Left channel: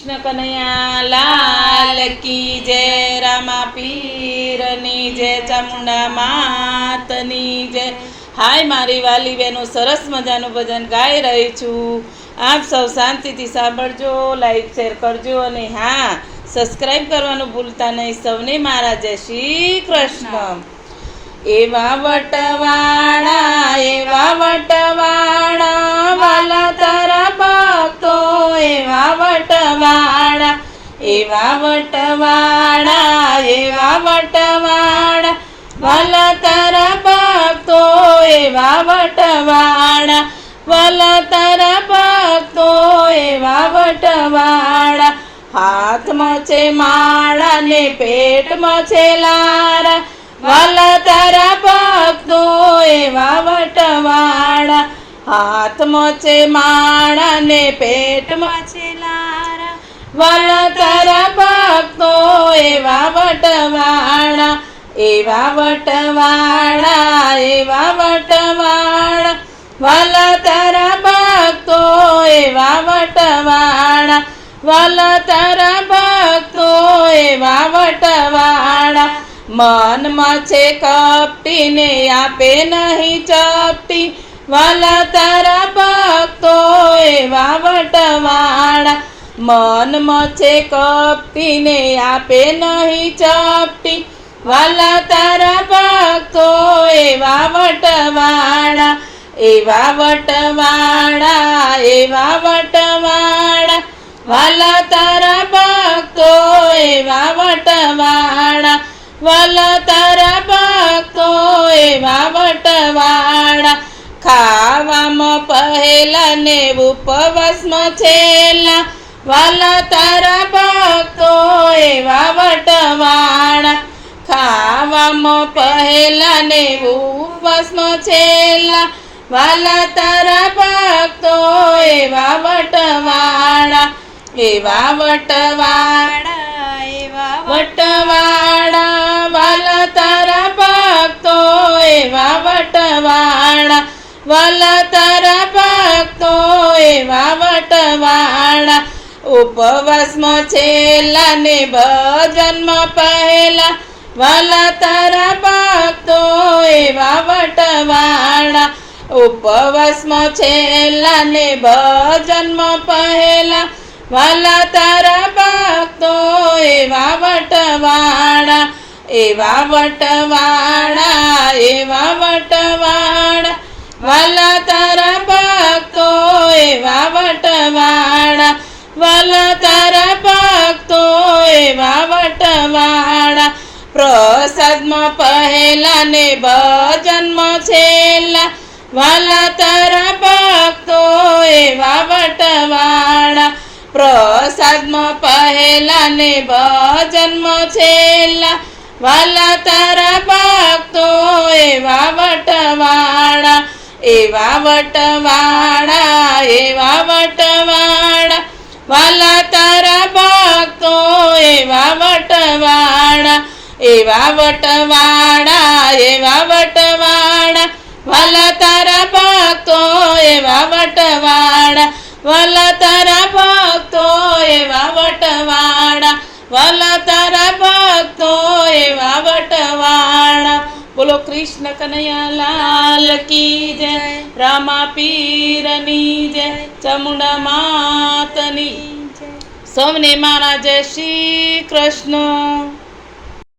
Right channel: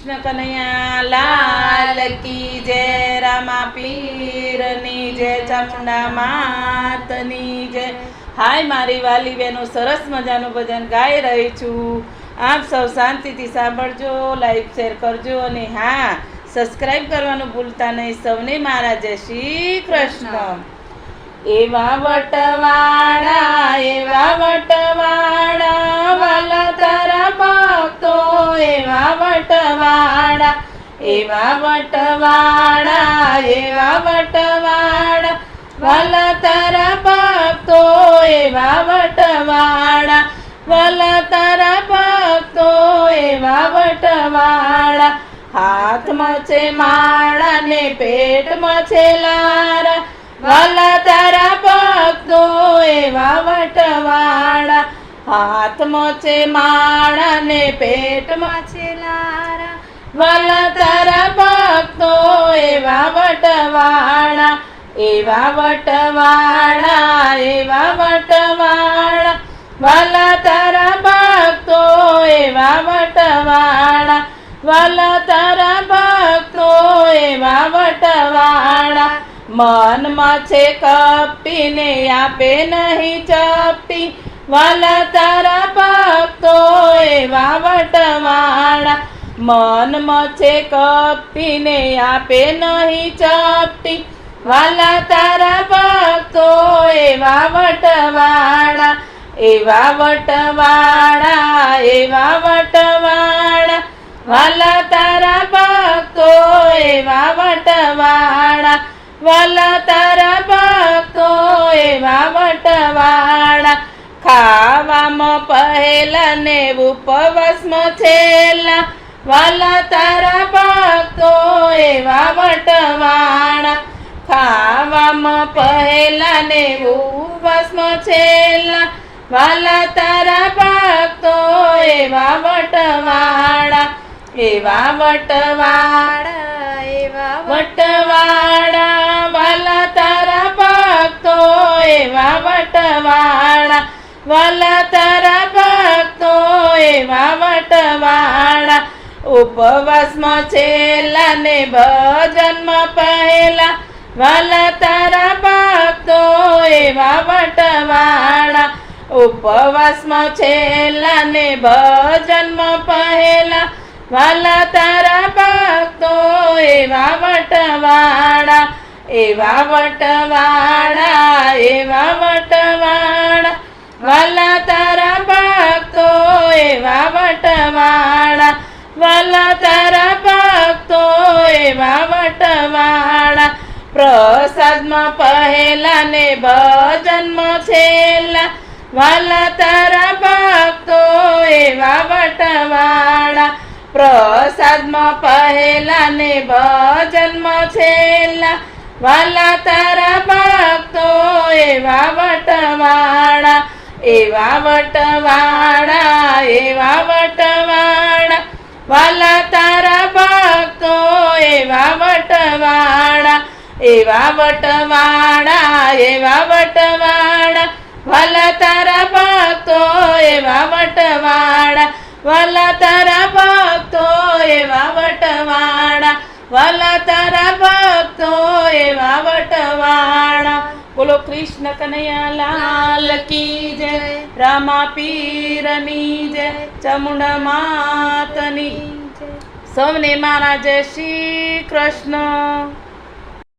કૃષ્ણ કનૈયા લાલ કી જય રામા પીરની જય ચામુંડા માતની જય. હાય મારી વાલી બહેનો સરસ મજાનું ભજન ગાઈ રહી છું. આપ સૌ શાંતિથી સાંભળજો લાઈક શેર કરજો અને હા સબસ્ક્રાઈબ કરવાનું ભૂલતા નહીં. સૌને મારા જય શ્રી કૃષ્ણ. એવા વટવાળા એવા વટવાળા એવા વટવાળા એવા વટવાળા વાલા તારા ભક્તો, એવા વટવાળા વાલા તારા ભક્તો, એવા વટવાળા હાથમાં છે માળા ને પેટમાં છે લારા વાલા તારા ભક્તો, એવા વટવાળા હાથમાં છે માળા ને પેટમાં છે લારા વાલા તારા ભક્તો એવા વટવાળા એવા વટવાળા એવા વટવાળા વાલા તારા ભક્તો એવા વટવાળા વાલા તારા ભક્તો એવા વટવાળા મનમાં છે કપટીને આપે નહીં ચપટી, વાલા તારા ભક્તો એવા વટવાળા મનમાં મચે કપીને આપે નહીં ચપટી. વાલા તારા ભક્તો એવા વટવાળા એવા વટવાળા એવા વટવાળા વાલા તારા ભક્તો એવા વટવાળા વાલા તારા ભક્તો એવા વટવાળા ખાવામાં પહેલા ને ઉપવાસમાં છેલ્લા. વાલા તારા ભક્તો એવા વટવાણા ખાવામાં પહેલા ને ઉપવાસમાં છેલ્લા. વાલા તારા ભક્તો એવા વટવાણા એવા વટવાળા એવા વટવાળા વાલા તારા ભક્તો એવા વટવાળા વાલા તારા ભક્તો એવા વટવાળા ઉપવાસમાં છેલ્લા ને ભજનમાં પહેલા, વાલા તારા ભક્તો એવા વટવાળા. ઉપવાસમાં છેલ્લા ને ભજનમાં પહેલા, વાલા તારા ભક્તો એવા વટવાળા. એવા વટવાળા એવા વટવાળા, વાલા તારા વાલા તારા ભક્તો એવા વટવાળા. પ્રસાદમાં પહેલા ને ભજનમાં છેલ્લા. વાલા તારા ભક્તો એવા વટવાળા. પ્રસાદમાં પહેલા ને ભજનમાં છેલ્લા. વાલા તારા ભક્તો એવા વટવાળા. એવા વટવાળા એવા વટવાળા. વાલા તારા ભક્તો એવા વટવાડા એવા વટવાડા એવા વટવાડા વાલા તારા ભક્તો એવા વટવાડા વાલા તારા ભક્તો એવા વટવાડા વાલા તારા ભક્તો એવા વટવાળા. બોલો કૃષ્ણ કનૈયા લાલ કી જય, રામા પીરની જય, ચમુંડા માતની સૌને મારા જય શ્રી કૃષ્ણ.